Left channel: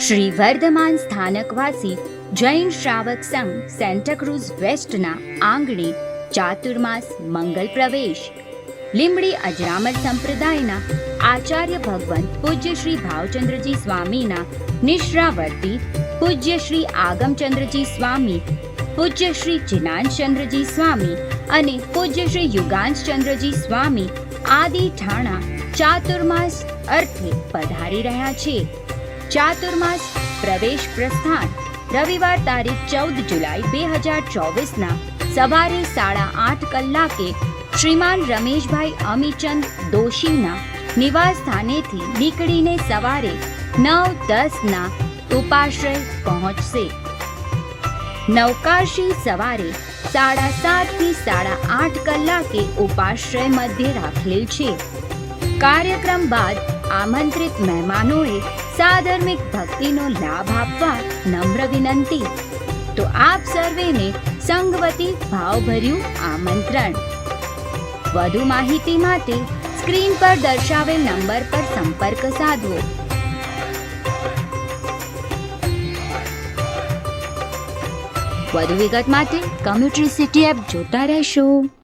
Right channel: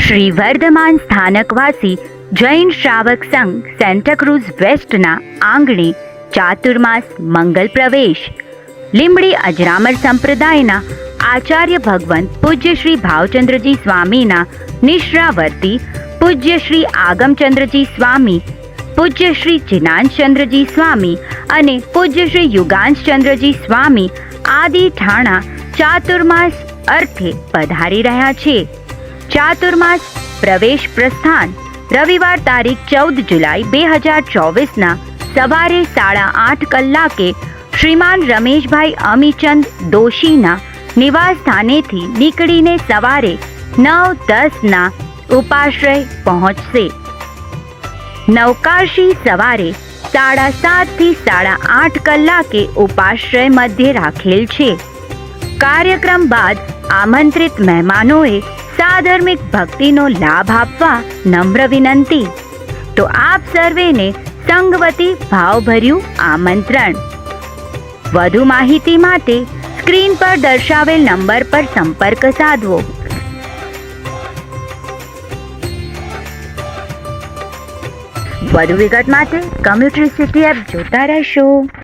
શ્રી વર્ધમાન સ્થાનકવાસી જૈન શ્રાવક સંઘ સેન્ટાક્રુઝ વેસ્ટના આંગણે ચાતુર્માસ મંગલ પ્રવેશ. લીંબડી અજરામર સંપ્રદાયના આચાર્ય ભગવંત પૂજ્ય શ્રી ભાવચંદ્રજી સ્વામીના નિશ્રાવર્તી પૂજ્ય શ્રી આગમચંદ્રજી સ્વામી, પૂજ્ય શ્રી જિનાંશચંદ્રજી સ્વામી અને પૂજ્ય શ્રી યુગાંશચંદ્રજી સ્વામી આદિ ઠાણા ચાતુર્માસ અર્થે પધારી રહ્યા છે. ચાતુર્માસ પ્રવેશ પ્રસ્થાન રવિવાર તારીખ 14 જુલાઈ 2024ના સવારે 8:30 કલાકે શ્રીમાન રમેશભાઈ અમીચંદ દોશીના નિવાસ સ્થાનેથી નીકળીને સવારે 9:10ના ઉપાશ્રય પહોંચશે. નવકાશી સવારે 7:30 થી 8:30 કલાકે ઉપાશ્રય મધ્યે રાખેલ છે. કાર્યક્રમ બાદ આમંત્રિત મહેમાનોએ સાધર્મિક ભક્તિનો લાભ આપવા નમ્ર વિનંતી. તો આપ સર્વેને સંગવતી ભાવભર્યું આમંત્રણ. વધુ માહિતી માટે સ્ક્રીન પર દર્શાવેલ નંબર પર સંપર્ક સાધવો. વધુ વિગત માટે કમ્યુટરી સિટી એપ જોતા રહેશો.